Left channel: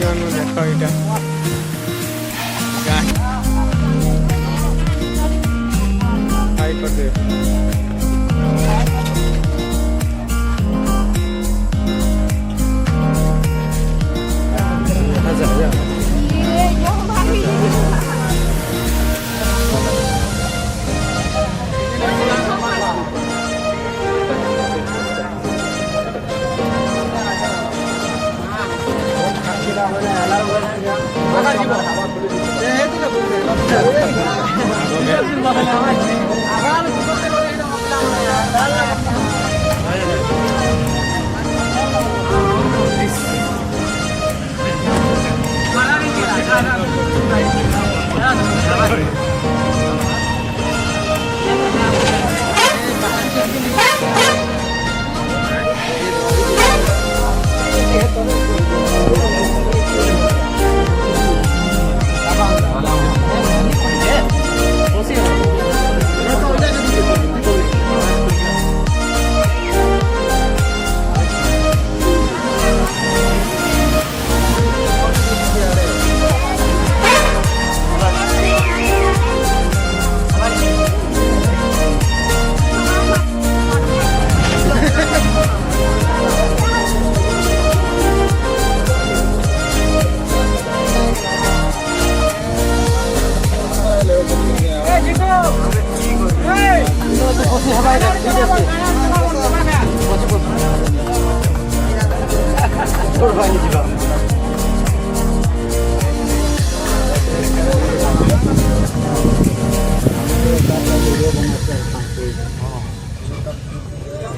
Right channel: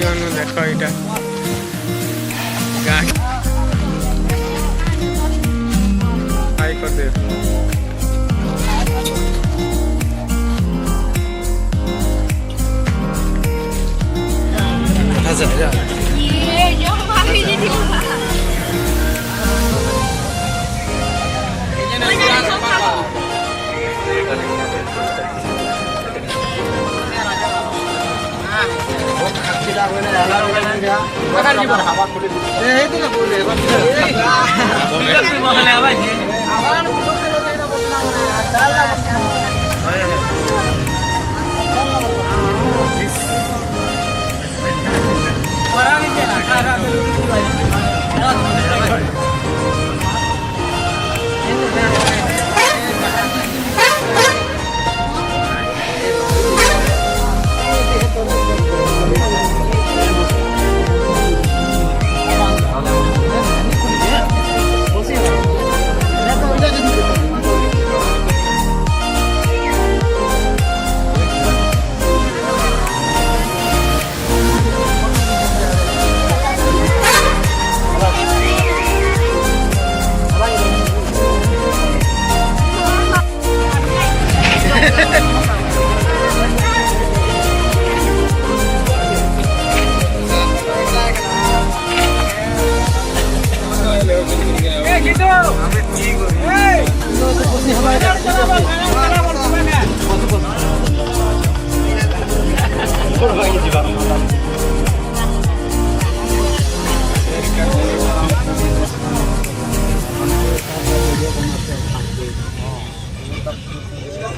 गण देख यहाँ गाय हाई कर दे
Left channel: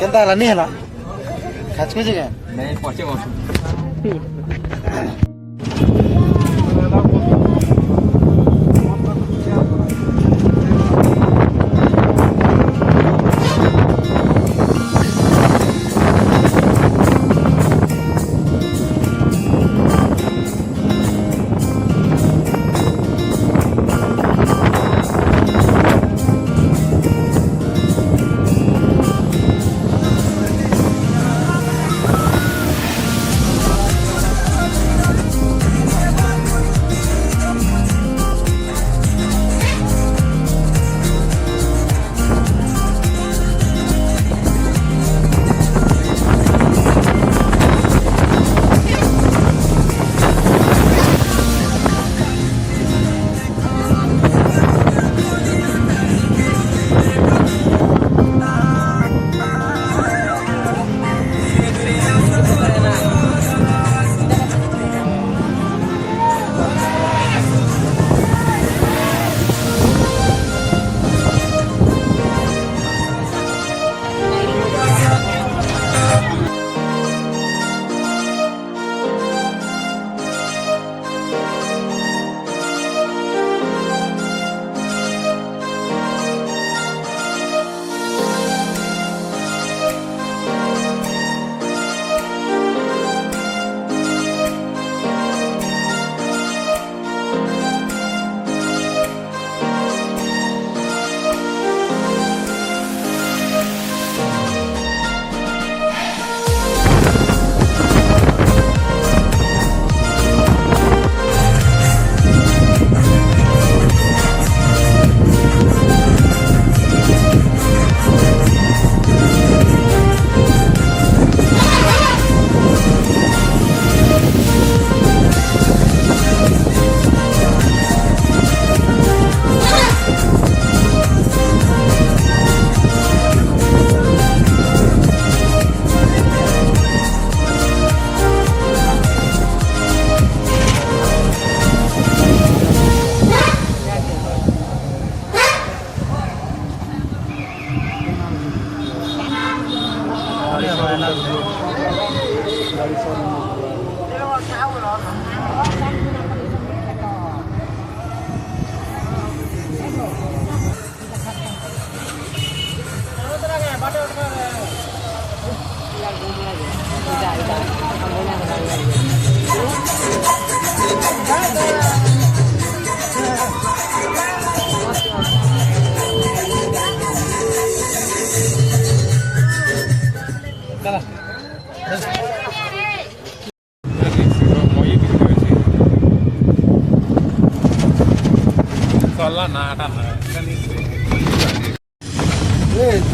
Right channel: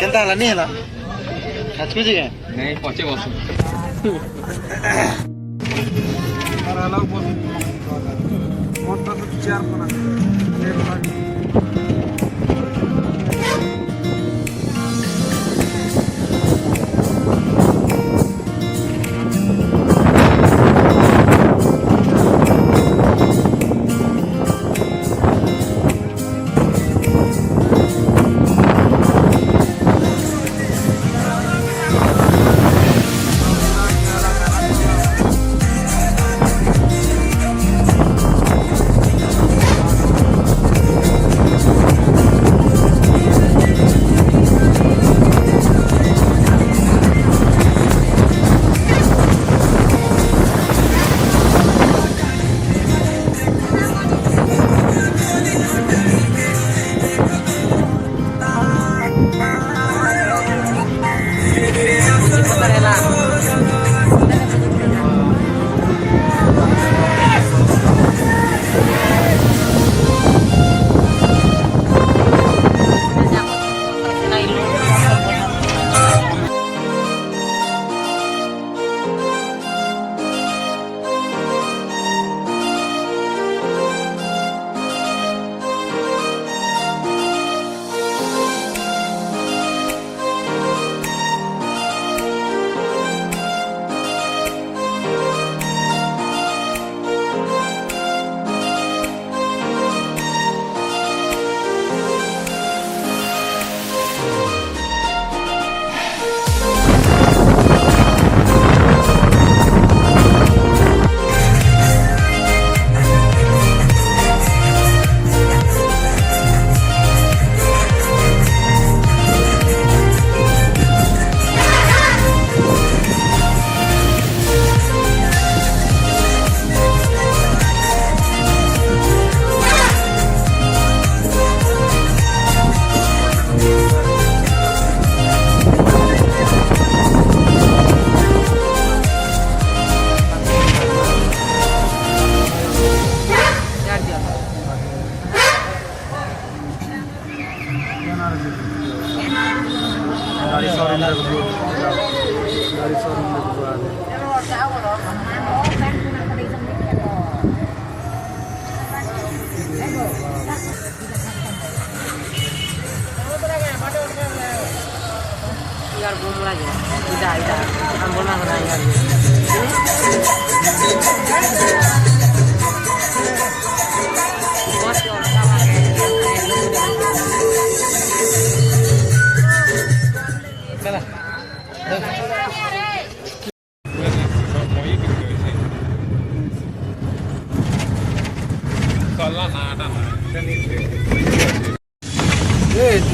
केनता हला नहीं हला खाच कुछ नहीं पचे बस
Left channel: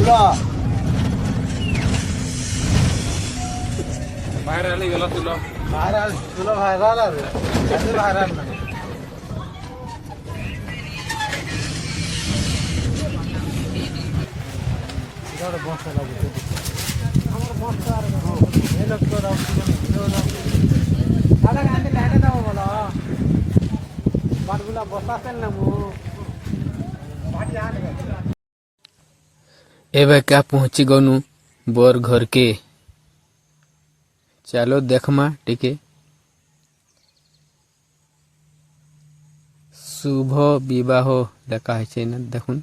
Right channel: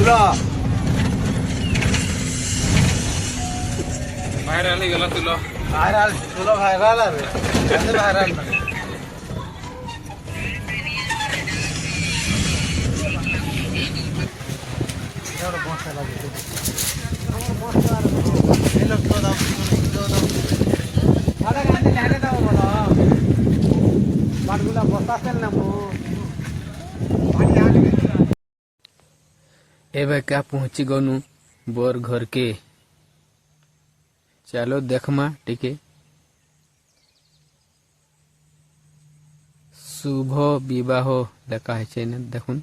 তুলো ভাইরাল হয়ে গেল তুলো ভাইরাল তুলো ভাইরাল আর ভাইরাল না एबे क्या पहुंची गनु बोर घर के चलो देखमा टिके शुभ विवाह देखा है ना देखुन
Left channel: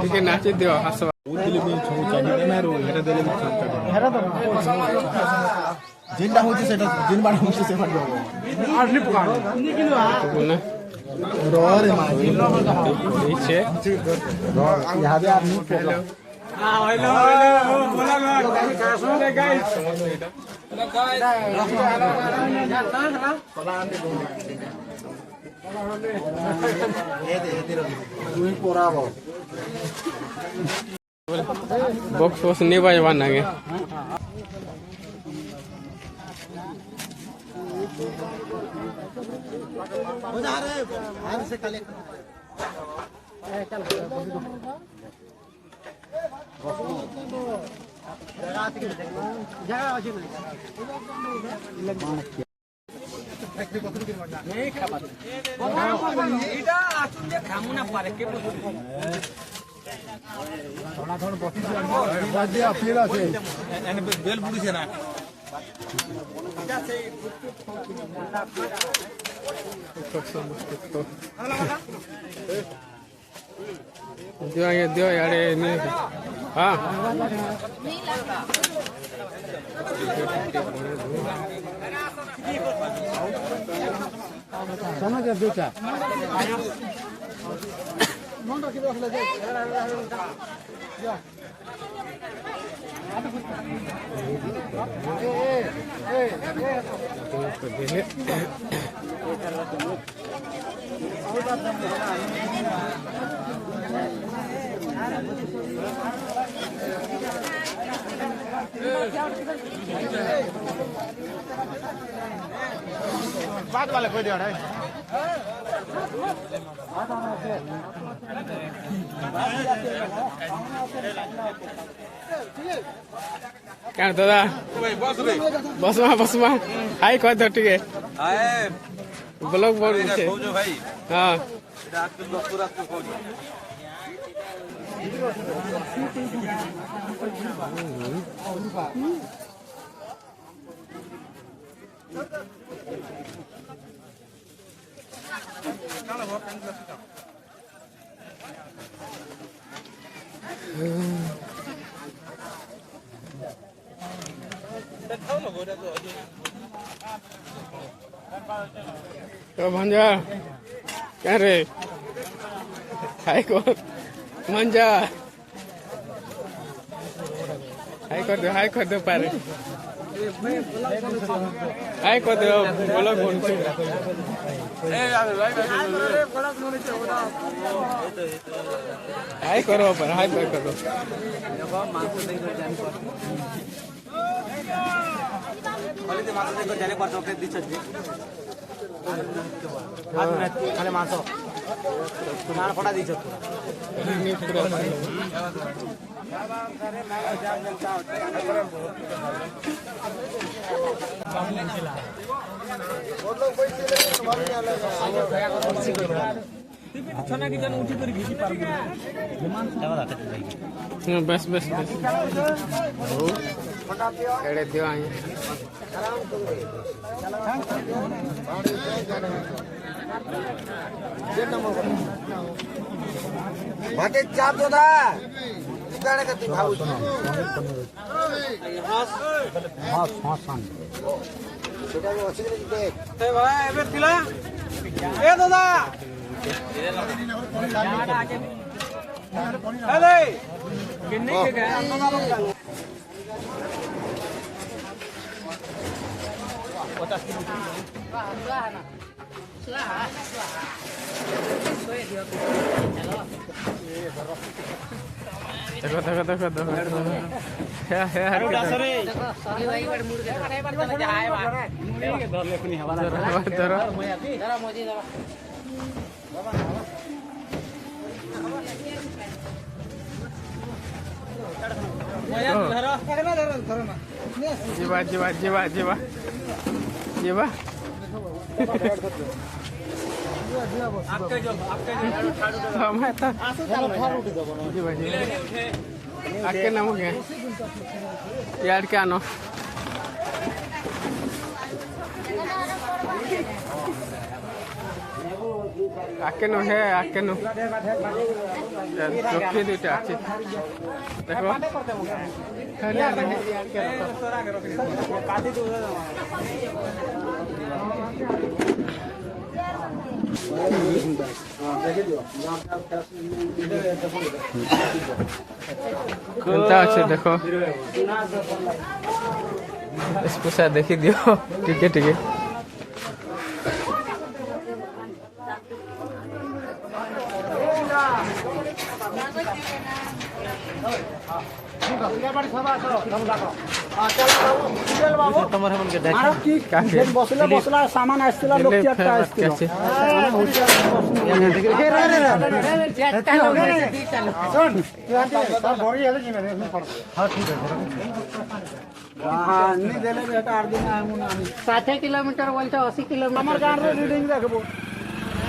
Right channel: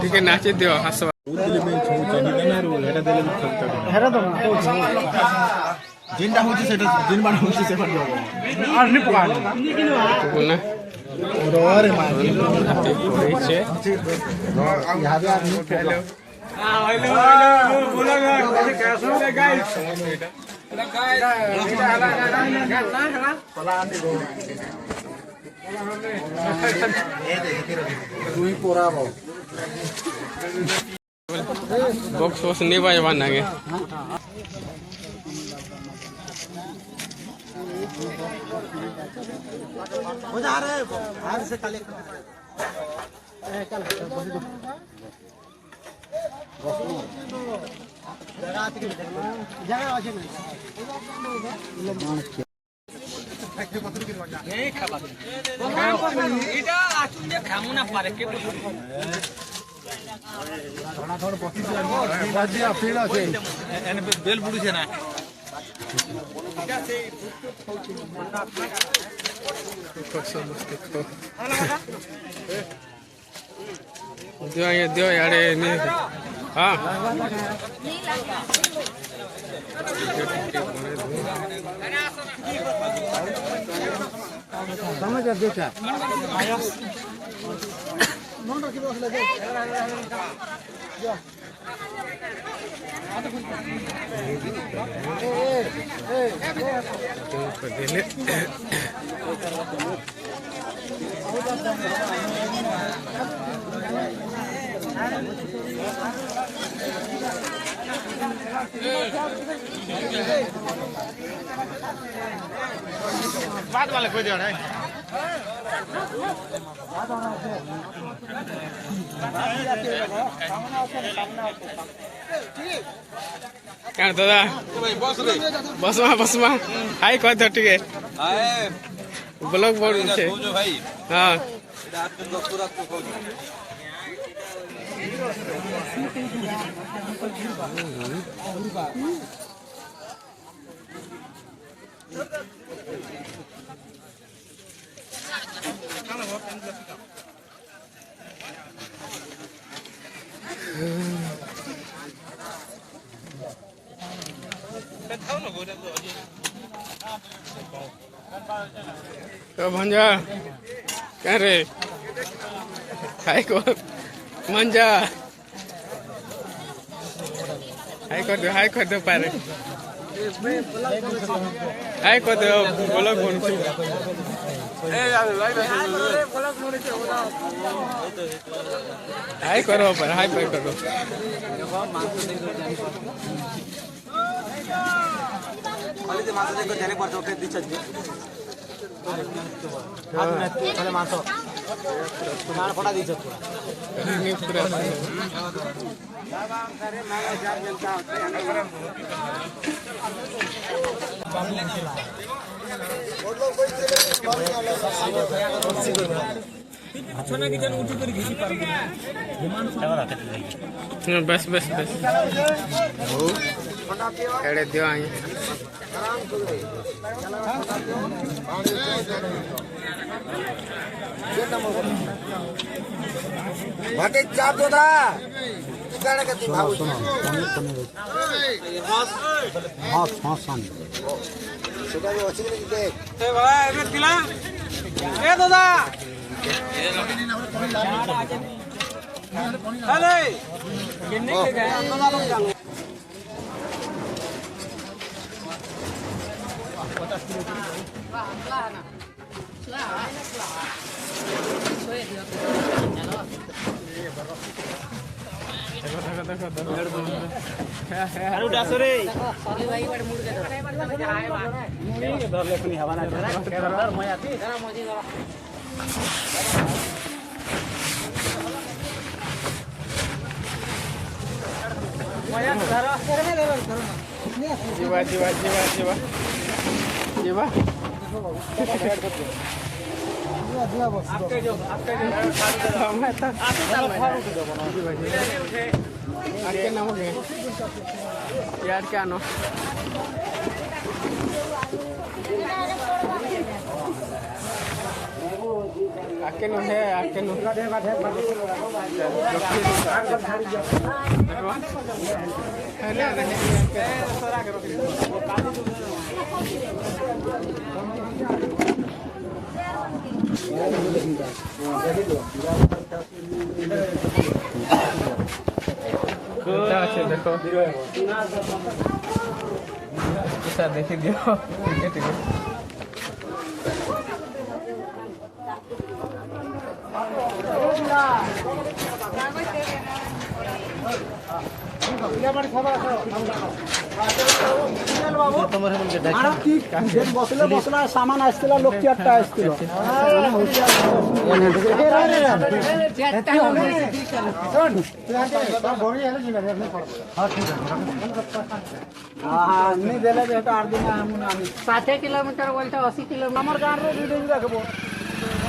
टिके नाचे दियो हसवा जिनटा होची सेटा जिन बार होची से फट जाओ बोलना डोर मार छे यहां पे आदमी हेलो हेलो बोला कैसे गाइस समझ एटा बॉक्स बॉक्स नहीं भाई बना गए बेल बुड़ी से ना दियो यारे नहीं हाँ समझ देखा वाले कोई देना है क्या दादा बस में हाई कह दो ठीक है ब्लॉग बोर्ड छे भाई हां रात के 10 रात को खोज तो भंजा क्या रे हाई को मंजा हाई कर दो पारे हाई कर दो बोलो कौन छु हाई करो पर हाई पे करो खाली मांस नान फटा दीछ पूरा बस एड़े दियो आई भाते चाप दो दा गाने का तू भाऊ हां सुबह में अच्छी नहीं देख ए बड़ा ए दिला ए दादा अरे किन्ने के गया দেখো দেখো দেখো দেখো হ্যাঁ হ্যাঁ जीवा जीवा जीवा जीवा जीवा आके नमगे यार क्या नो आके नो है आके नो देखो स्पेशल देखी दियो ठीक है बसला सामान आसला लोक देले 60 किलोमीटर बोलते 80 किलोमीटर हमार गांव रे रीडिंग रखबो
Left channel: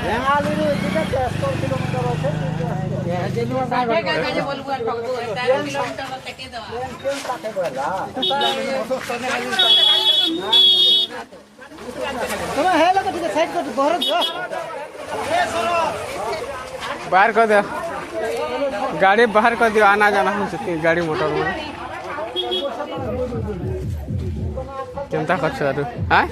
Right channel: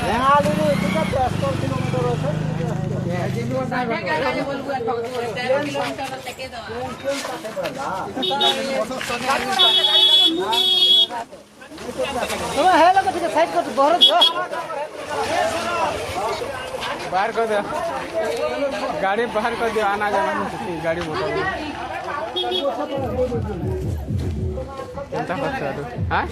यहाँ लीजिए ठीक है 100 किलोमीटर होते बाहर कर दे गाड़ी बाहर कर दियो आना जाना हो सकती गाड़ी मोटर चिंता कर हाँ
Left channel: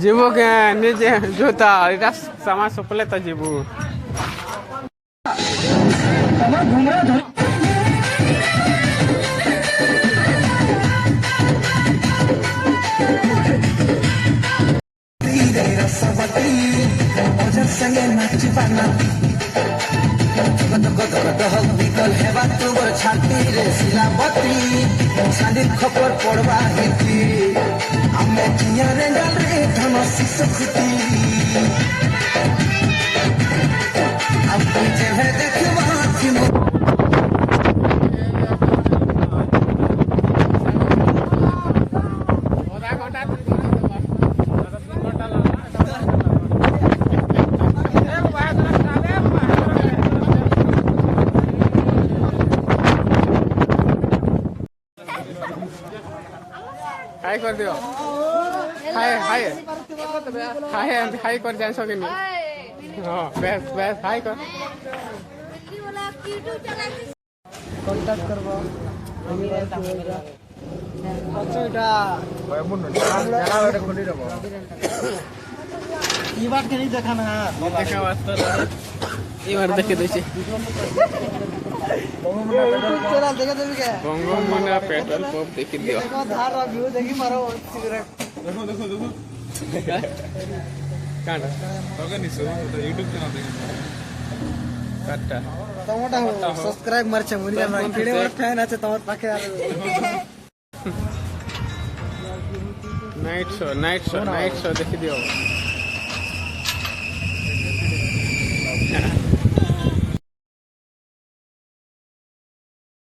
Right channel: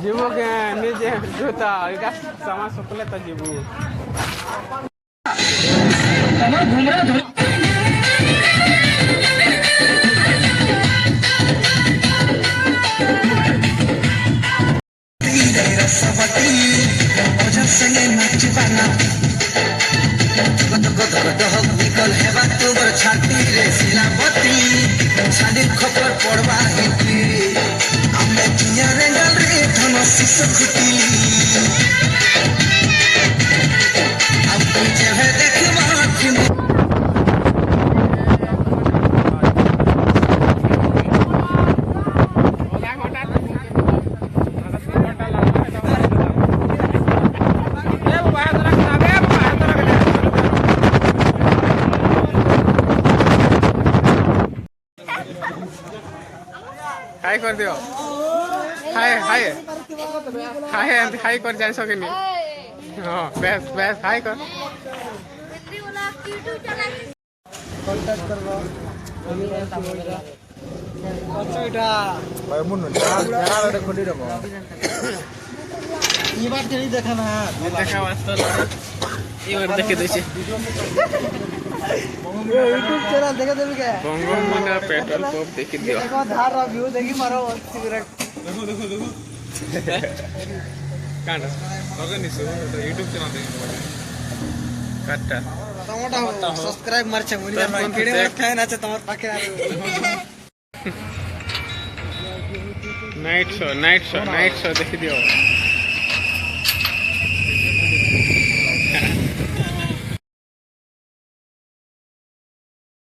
जीवो के निजे जूता इधर सामान सुपले तो जीवो खबर पड़वा हाय कर दियो हाय हाय हाय हाय कर जान सके नहीं हां बेस बेस हाय कर कांटेक्ट करबो अच्छा एटा खुली रखो ई बात नहीं देखा ना देखा वास्ता ये बार देखे देखे यूट्यूब चैनल देखे देबी के बंगमुंडा पेट्रोल पंप देखि दियो देखो धार व्यू देखी मारो सिगरेट कांडा मगर नहीं सुनो यूट्यूब चैनल देखिए काटा टमाटो सब्सक्राइब मारछे मुनिया वीडियो खाय ना छे तमत पाखे नाइट शो देखि दियो